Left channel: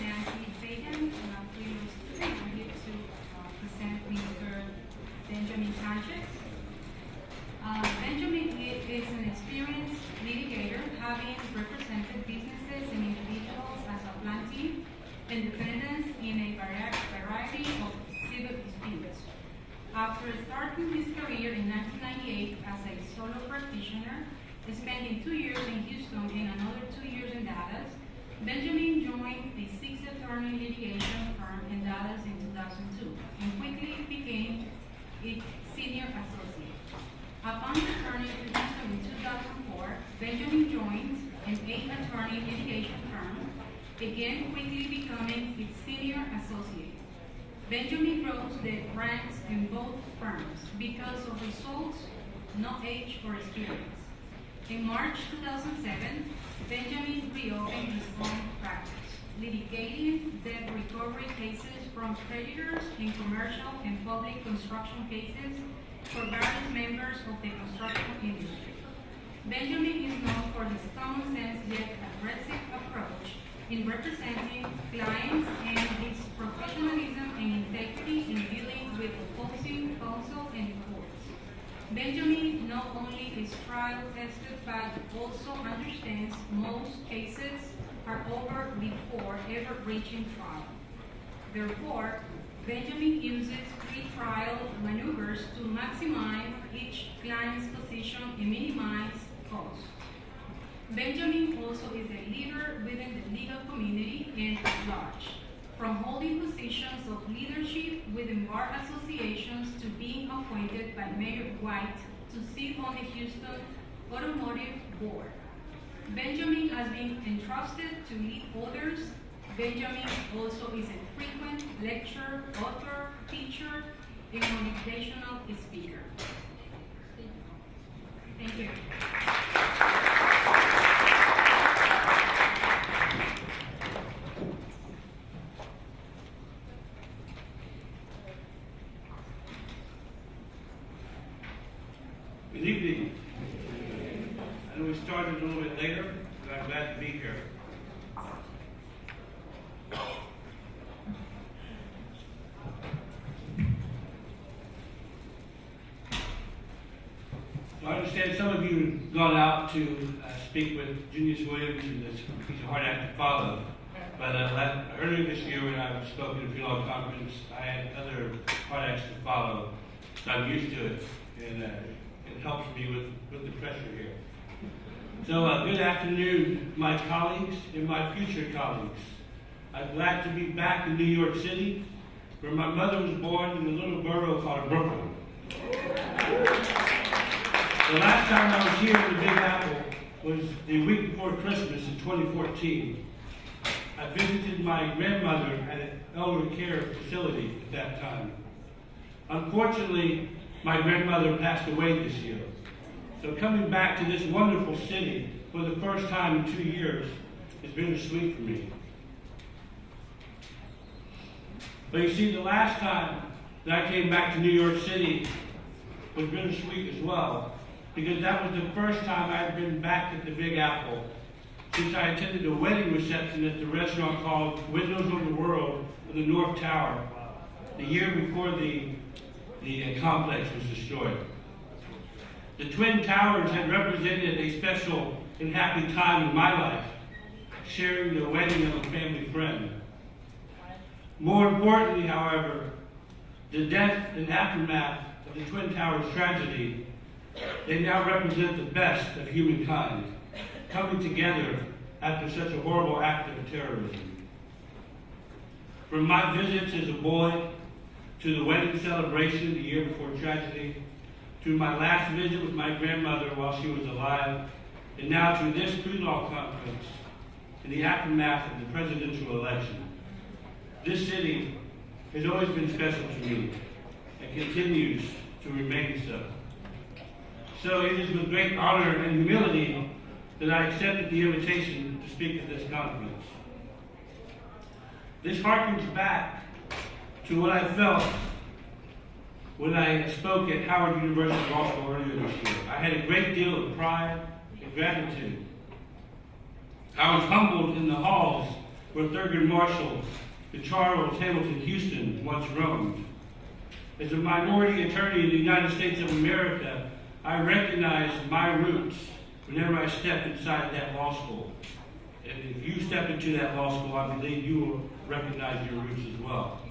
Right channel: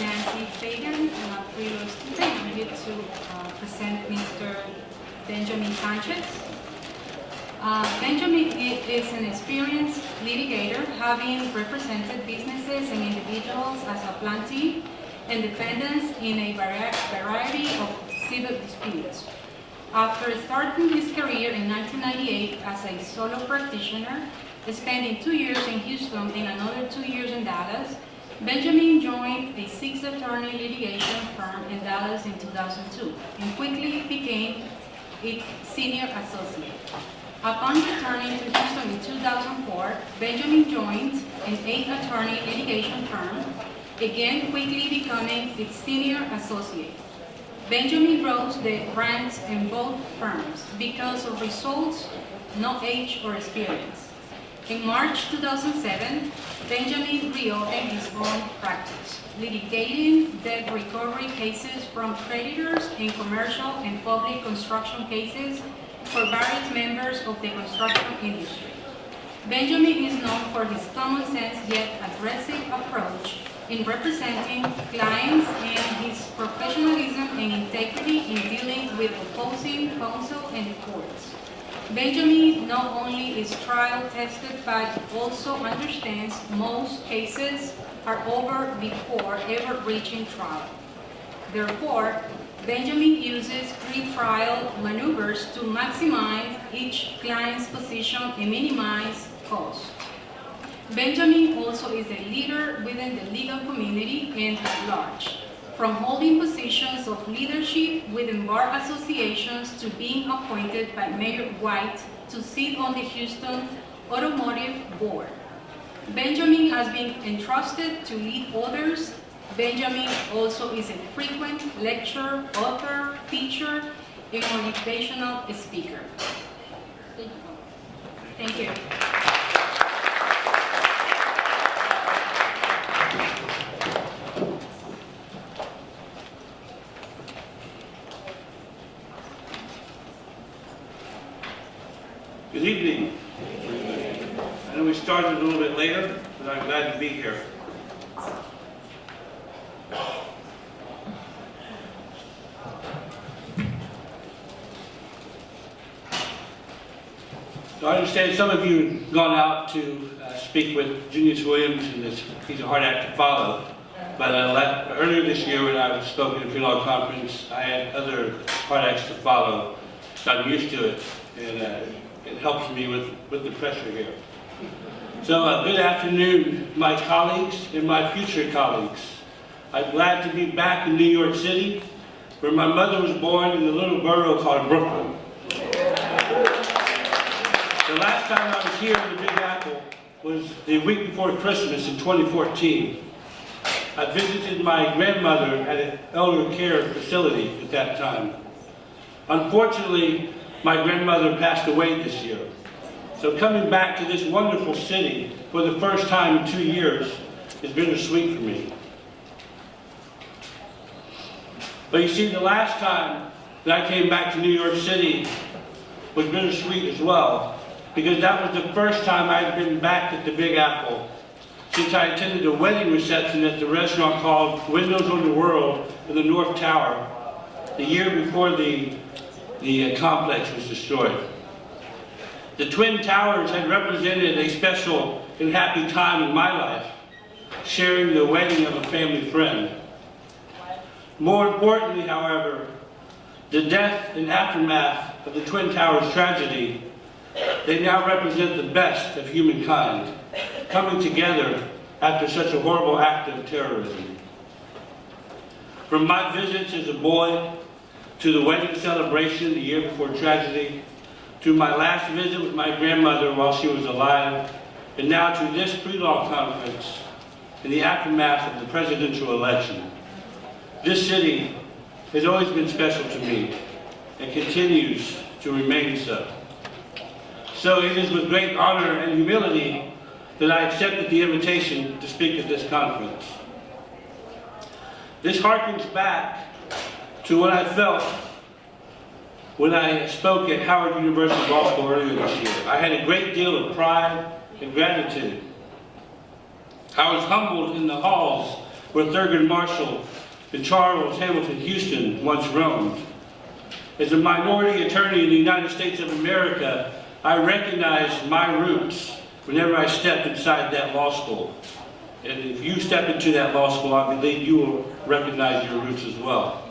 Nancy Fagan. I'm a pre-law student. I'm here to present Mr. Benjamin Sanchez. Benjamin is an experienced litigator, having represented businesses and individuals as a plaintiff and defendants in a variety of civil disputes. After starting his career in 1998 as a solo practitioner, spending 2 years in Houston and another 2 years in Dallas, Benjamin joined a 6-attorney litigation firm in Dallas in 2002 and quickly became its senior associate. Upon returning to Houston in 2004, Benjamin joined an 8-attorney litigation firm, again quickly becoming its senior associate. Benjamin rose the ranks in both firms because of results, no age or experience. In March 2007, Benjamin reopened his own practice, litigating debt recovery cases from creditors in commercial and public construction cases for various members of the construction industry. Benjamin is known for his common sense yet aggressive approach in representing clients and his professionalism and integrity in dealing with opposing counsel and courts. Benjamin not only is trial tested but also understands most cases are over before ever reaching trial. Therefore, Benjamin uses pre-trial maneuvers to maximize each client's position and minimize cost. Benjamin also is a leader within the legal community and at large, from holding positions of leadership within bar associations to being appointed by Mayor White to sit on the Houston Automotive Board. Benjamin has been entrusted to lead others. Benjamin also is a frequent lecturer, author, teacher, and motivational speaker. Thank you. Good evening. I know we started a little bit later, but I'm glad to be here. So I understand some of you have gone out to speak with Junius Williams, and he's a hard act to follow. But earlier this year when I was spoken at a pre-law conference, I had other hard acts to follow. So I'm used to it, and it helps me with the pressure here. So good afternoon, my colleagues and my future colleagues. I'm glad to be back in New York City, where my mother was born in a little borough called Brooklyn. The last time I was here in the Big Apple was the week before Christmas in 2014. I visited my grandmother at an elder care facility at that time. Unfortunately, my grandmother passed away this year. So coming back to this wonderful city for the first time in 2 years is bittersweet for me. But you see, the last time that I came back to New York City was bittersweet as well, because that was the first time I'd been back at the Big Apple since I attended a wedding reception at the restaurant called Windows on the World in the North Tower the year before the complex was destroyed. The Twin Towers had represented a special and happy time in my life, sharing the wedding of a family friend. More importantly, however, the death and aftermath of the Twin Towers tragedy, they now represent the best of humankind, coming together after such a horrible act of terrorism. From my visits as a boy, to the wedding celebration the year before tragedy, to my last visit with my grandmother while she was alive, and now to this pre-law conference in the aftermath of the presidential election. This city has always been special to me and continues to remain so. So it is with great honor and humility that I accepted the invitation to speak at this conference. This harkens back to what I felt when I spoke at Howard University Law School earlier this year. I had a great deal of pride and gratitude. I was humbled in the halls where Thurgood Marshall and Charles Hamilton Houston once roamed. As a minority attorney in the United States of America, I recognized my roots whenever I stepped inside that law school. And if you step into that law school, I believe you will recognize your roots as well.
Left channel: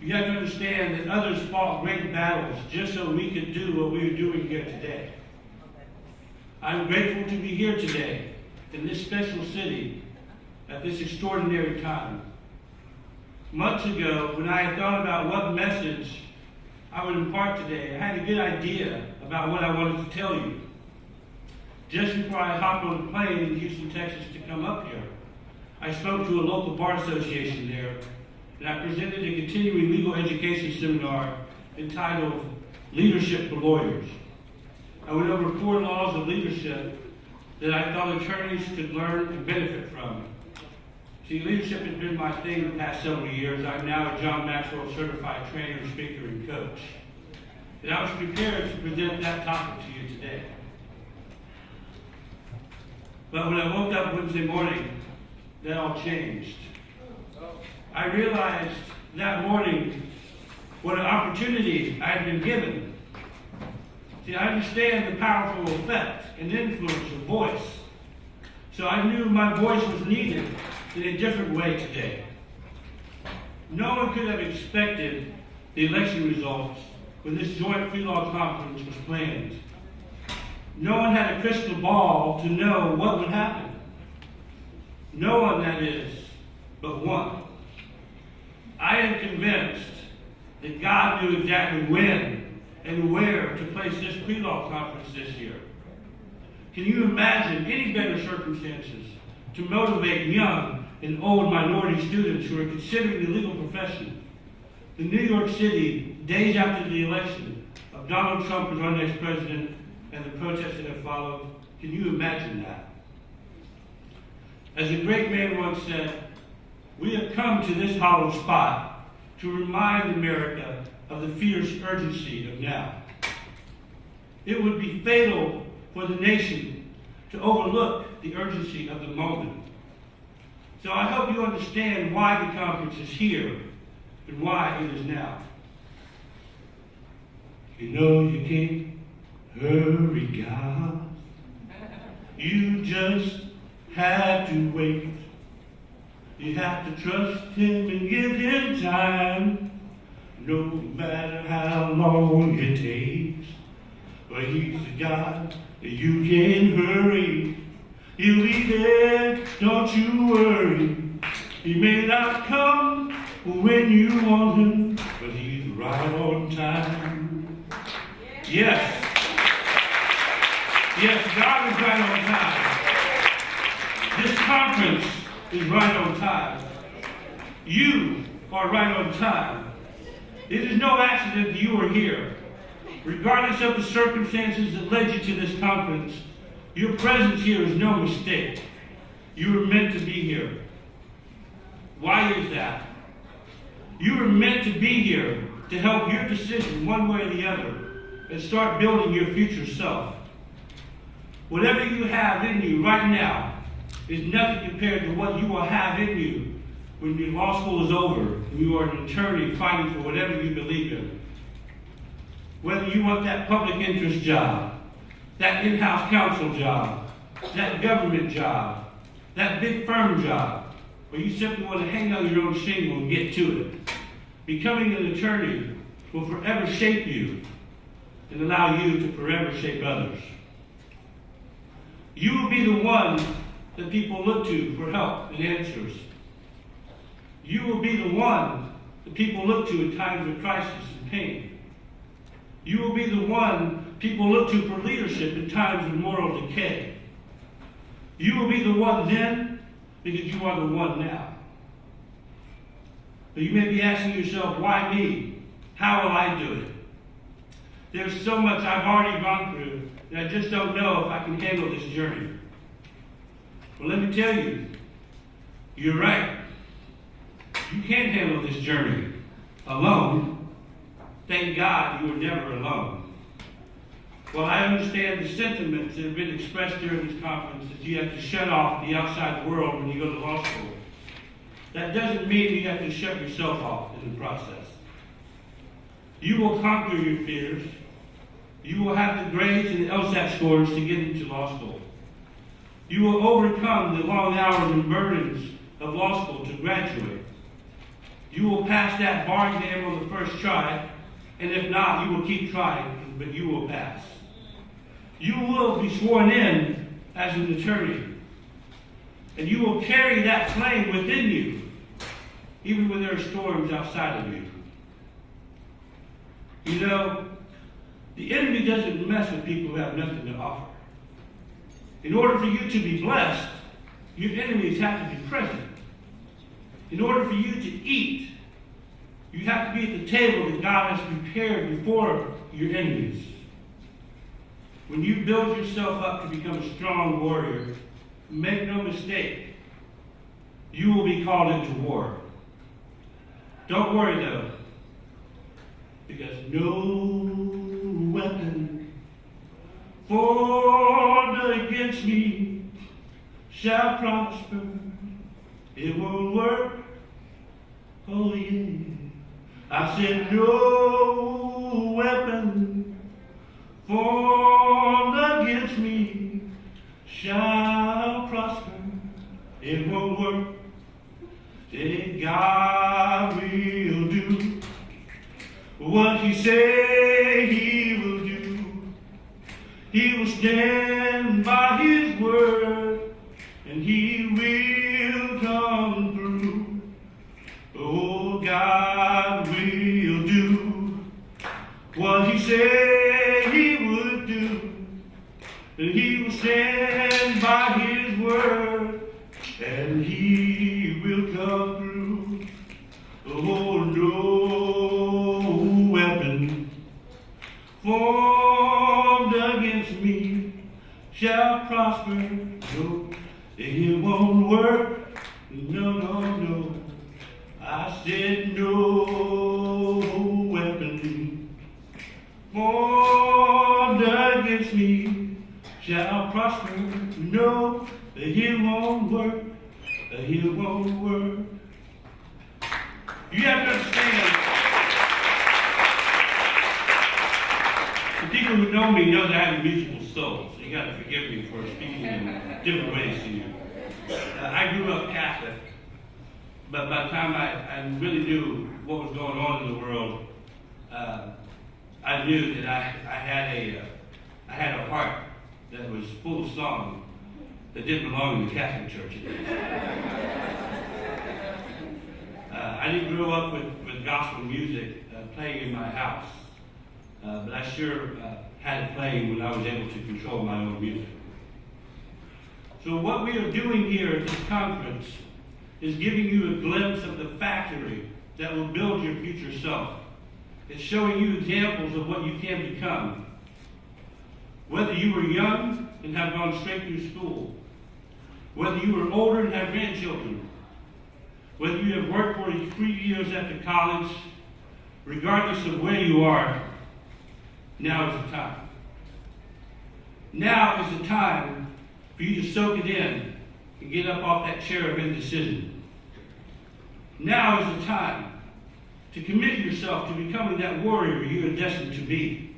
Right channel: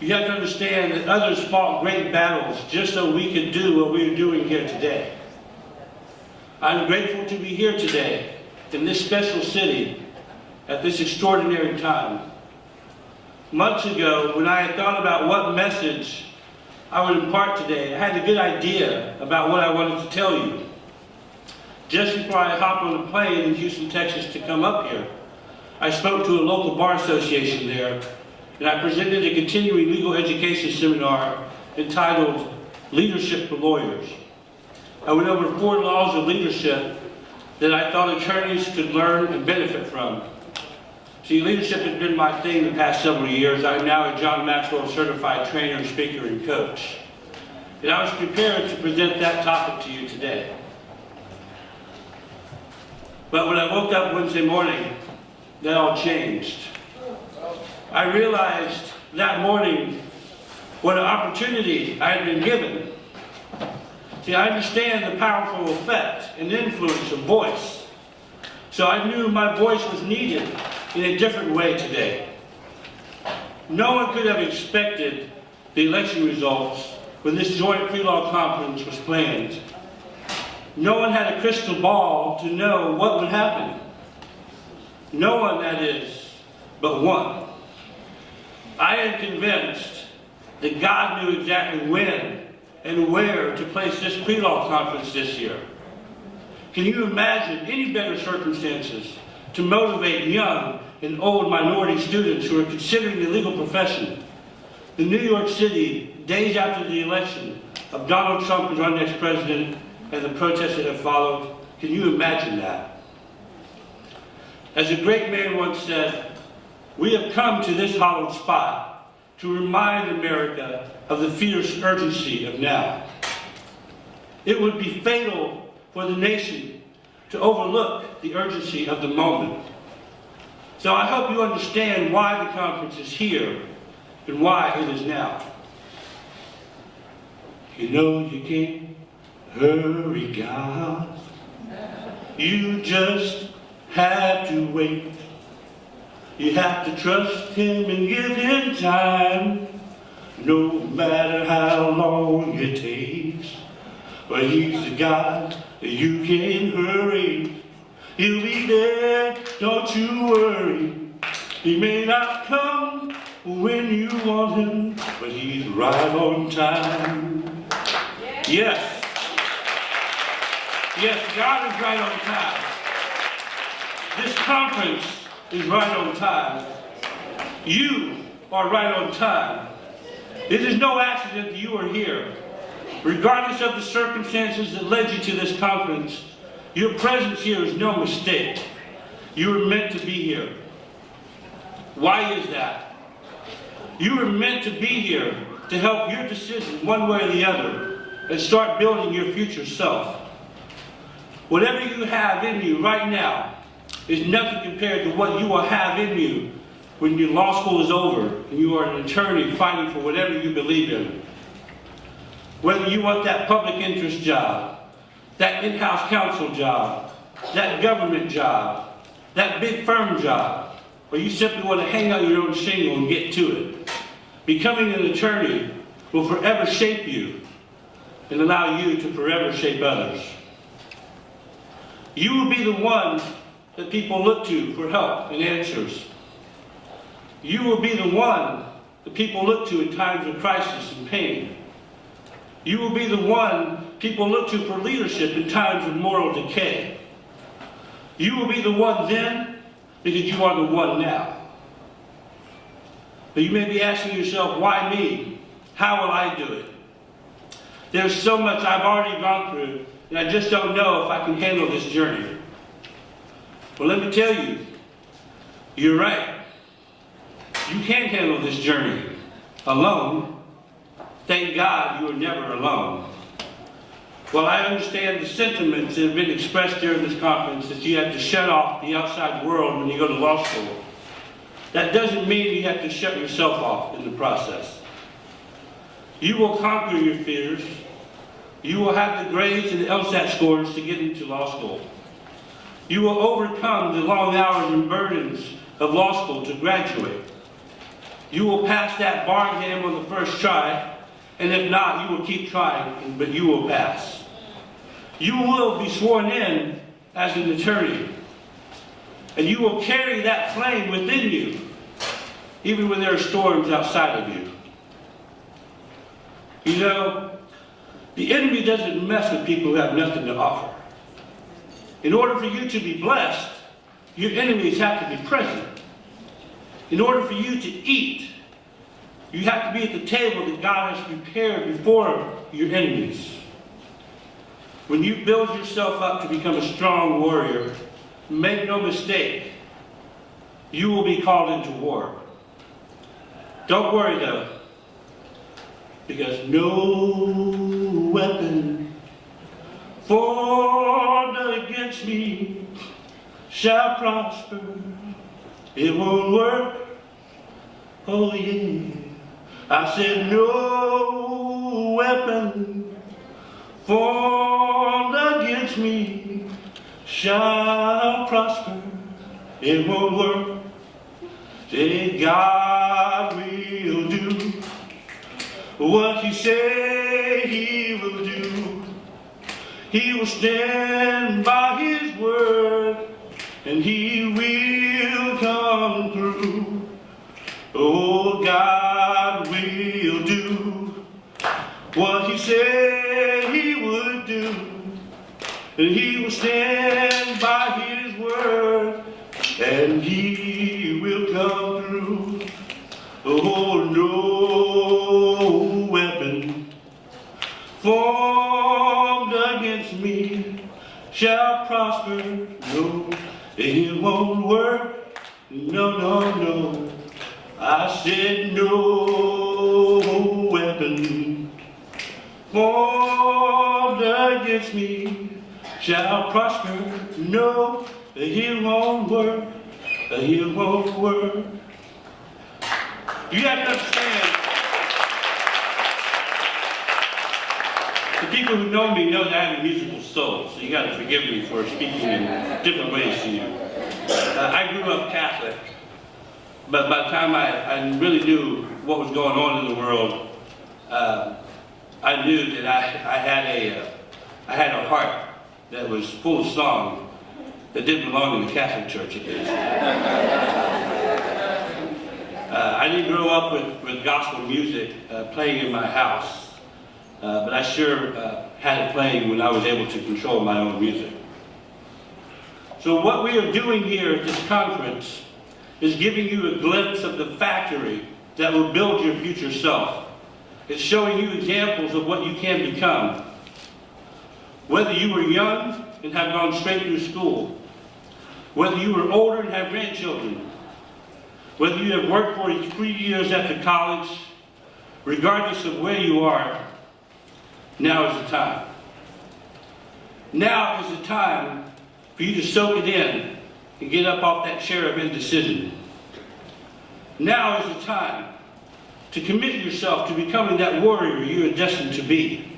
You have to understand that others fought great battles just so we could do what we are doing here today. I'm grateful to be here today in this special city at this extraordinary time. Months ago, when I had thought about what message I would impart today, I had a good idea about what I wanted to tell you. Just before I hopped on a plane in Houston, Texas to come up here, I spoke to a local bar association there, and I presented a continuing legal education seminar entitled Leadership for Lawyers. I went over 4 laws of leadership that I thought attorneys could learn and benefit from. See, leadership has been my thing the past several years. I'm now a John Maxwell certified trainer, speaker, and coach. And I was prepared to present that topic to you today. But when I woke up Wednesday morning, that all changed. I realized that morning what an opportunity I had been given. See, I understand the powerful effect and influence of voice. So I knew my voice was needed in a different way today. No one could have expected the election results when this joint pre-law conference was planned. No one had a crystal ball to know what would happen. No one, that is, but one. I am convinced that God knew exactly when and where to place this pre-law conference this year. Can you imagine any better circumstances to motivate young and old minority students who are considering the legal profession? In New York City, days after the election of Donald Trump as our next president and the protests that have followed, can you imagine that? As a great man once said, we have come to this hollow spot to remind America of the fierce urgency of now. It would be fatal for the nation to overlook the urgency of the moment. So I hope you understand why the conference is here and why it is now. You know you can't hurry God. You just have to wait. You have to trust Him and give Him time, no matter how long it takes. But He's the God that you can hurry. He'll be there, don't you worry. He may not come when you want Him, but He's right on time. Yes. Yes, God is right on time. This conference is right on time. You are right on time. It is no accident that you are here. Regardless of the circumstances that led you to this conference, your presence here is no mistake. You were meant to be here. Why is that? You were meant to be here to help your decision one way or the other and start building your future self. Whatever you have in you right now is nothing compared to what you will have in you when your law school is over and you are an attorney fighting for whatever you believe in. Whether you want that public interest job, that in-house counsel job, that government job, that big firm job, or you simply want to hang out your own shingle and get to it. Becoming an attorney will forever shape you and allow you to forever shape others. You will be the one that people look to for help and answers. You will be the one that people look to in times of crisis and pain. You will be the one people look to for leadership in times of moral decay. You will be the one then because you are the one now. But you may be asking yourself, why me? How will I do it? There's so much I've already gone through, and I just don't know if I can handle this journey. Well, let me tell you, you're right. You can't handle this journey alone. Thank God you are never alone. Well, I understand the sentiments that have been expressed during this conference that you have to shut off the outside world when you go to law school. That doesn't mean you have to shut yourself off in the process. You will conquer your fears. You will have the grades and the LSAT scores to get into law school. You will overcome the long hours and burdens of law school to graduate. You will pass that bar exam on the first try, and if not, you will keep trying, but you will pass. You will be sworn in as an attorney, and you will carry that flame within you, even when there are storms outside of you. You know, the enemy doesn't mess with people who have nothing to offer. In order for you to be blessed, your enemies have to be present. In order for you to eat, you have to be at the table that God has prepared before your enemies. When you build yourself up to become a strong warrior, make no mistake, you will be called into war. Don't worry though, because no weapon formed against me shall prosper. It won't work. Oh yeah. I said no weapon formed against me shall prosper. It won't work. Say God will do what He said He will do. He will stand by His word, and He will come through. Oh, God will do what He said He would do, and He will stand by His word, and He will come through. Oh, no weapon formed against me shall prosper. No, it won't work. No, no, no. I said no weapon formed against me shall prosper. No, it won't work. It won't work. You have to understand, the people who know me know that I have a musical soul, so you got to forgive me for speaking in different ways to you. I grew up Catholic, but by the time I really knew what was going on in the world, I knew that I had a heart that was full of song that didn't belong in the Catholic Church at least. I didn't grow up with gospel music playing in my house, but I sure had it playing when I was able to control my own music. So what we are doing here at this conference is giving you a glimpse of the factory that will build your future self. It's showing you examples of what you can become. Whether you were young and have gone straight through school, whether you were older and have grandchildren, whether you have worked for 3 years after college, regardless of where you are, now is the time. Now is the time for you to soak it in and get up off that chair of indecision. Now is the time to commit yourself to becoming that warrior you are destined to be.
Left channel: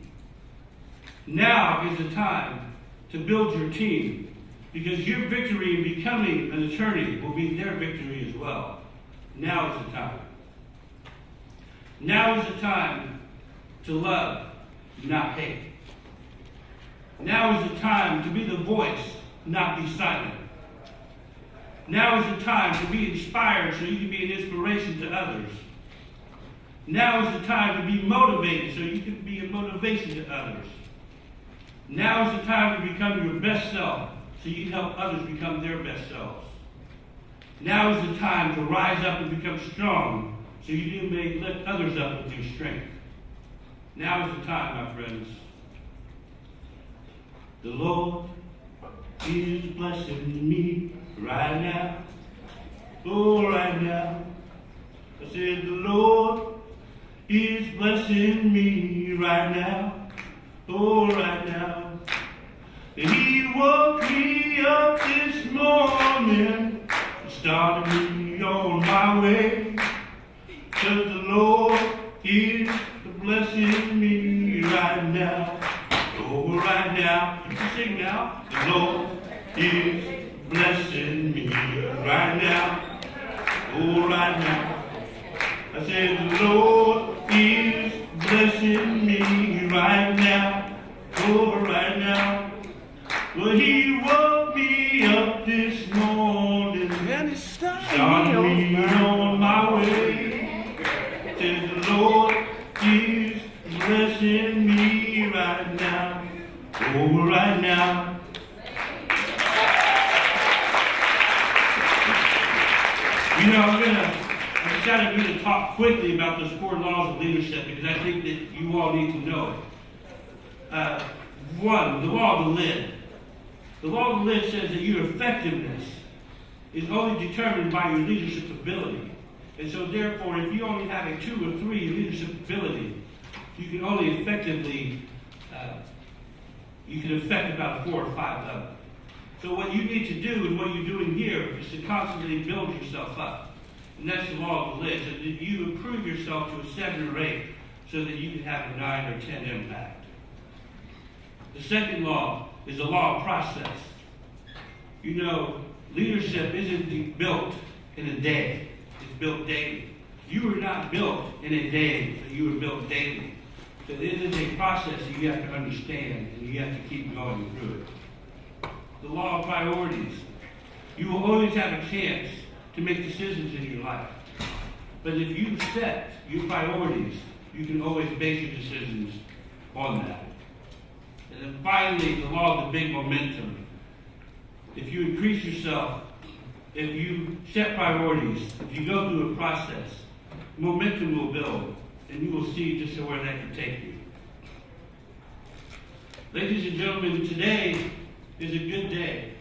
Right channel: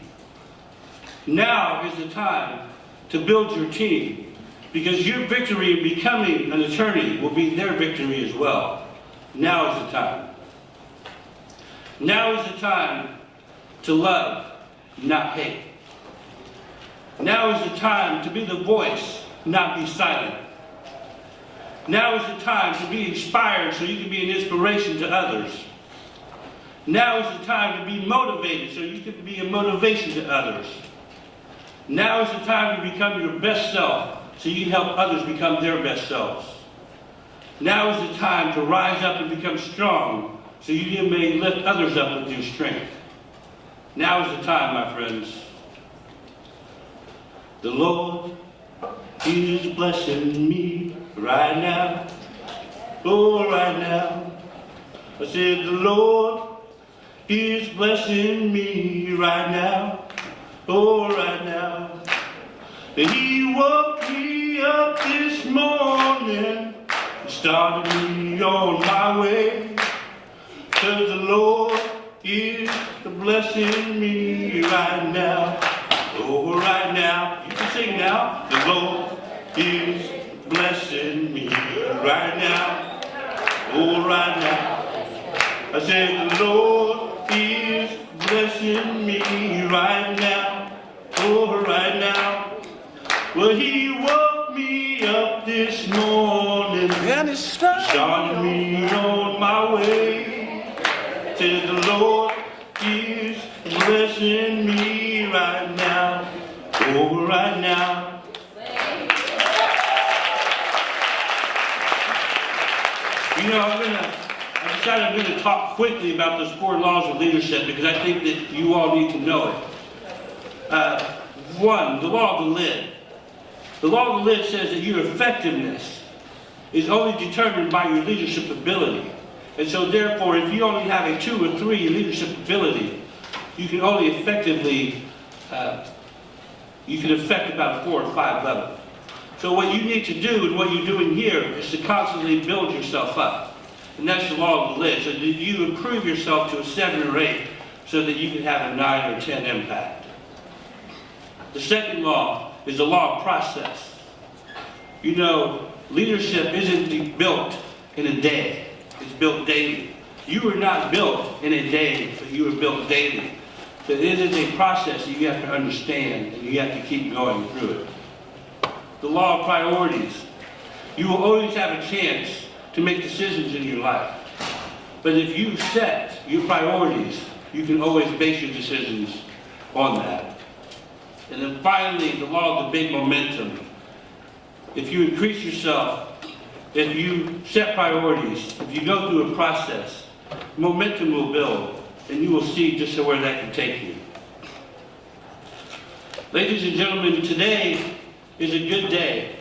Now is the time to build your team, because your victory in becoming an attorney will be their victory as well. Now is the time. Now is the time to love, not hate. Now is the time to be the voice, not be silent. Now is the time to be inspired so you can be an inspiration to others. Now is the time to be motivated so you can be a motivation to others. Now is the time to become your best self so you can help others become their best selves. Now is the time to rise up and become strong so you may lift others up with your strength. Now is the time, my friends. The Lord is blessing me right now. Oh, right now. I said the Lord is blessing me right now. Oh, right now. He woke me up this morning, started me on my way, 'cause the Lord is blessing me right now. Oh, right now, you can sing now. The Lord is blessing me right now. Oh, right now. I said the Lord is blessing me right now. Oh, right now. Well, He woke me up this morning and He started me on my way. Said the Lord is blessing me right now. Oh, right now. You know, I decided I'm going to talk quickly about those 4 laws of leadership because I think that you all need to know it. 1, the law of the lid. The law of the lid says that your effectiveness is only determined by your leadership ability. And so therefore, if you only have a 2 or 3 leadership ability, you can only effectively, you can affect about 4 or 5 level. So what you need to do and what you're doing here is to constantly build yourself up. And that's the law of the lid. So that you improve yourself to a 7 or 8 so that you can have a 9 or 10 impact. The second law is the law of process. You know, leadership isn't built in a day. It's built daily. You were not built in a day, but you were built daily. So it is a process that you have to understand and you have to keep going through it. The law of priorities. You will always have a chance to make decisions in your life. But if you set your priorities, you can always base your decisions on that. And then finally, the law of the big momentum. If you increase yourself, if you set priorities, if you go through a process, momentum will build, and you will see just where that can take you. Ladies and gentlemen, today is a good day.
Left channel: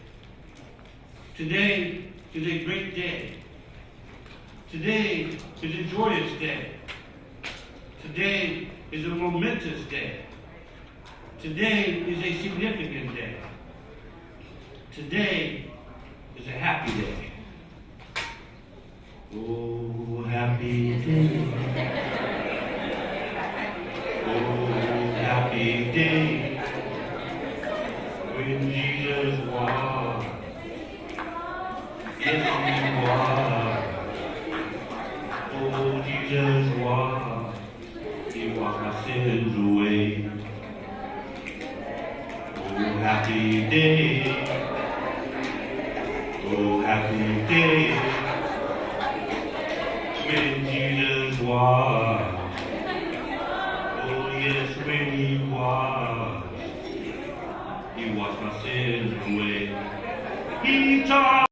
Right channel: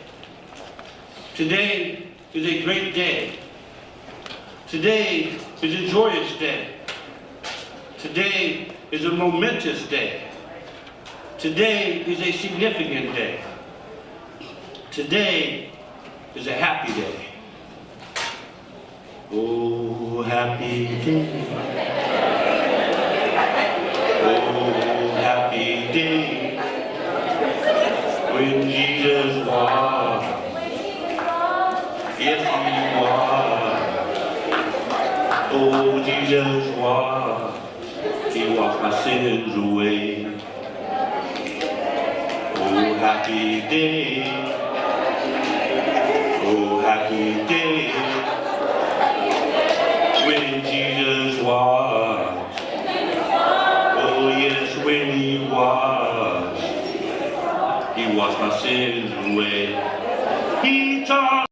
Today is a great day. Today is a joyous day. Today is a momentous day. Today is a significant day. Today is a happy day. Oh, happy day. Oh, happy day. When Jesus was. Yes, He was. Oh, Jesus was. He washed my sins away. Oh, happy day. Oh, happy day. When Jesus was. Oh, yes, when He was. He washed my sins away. He taught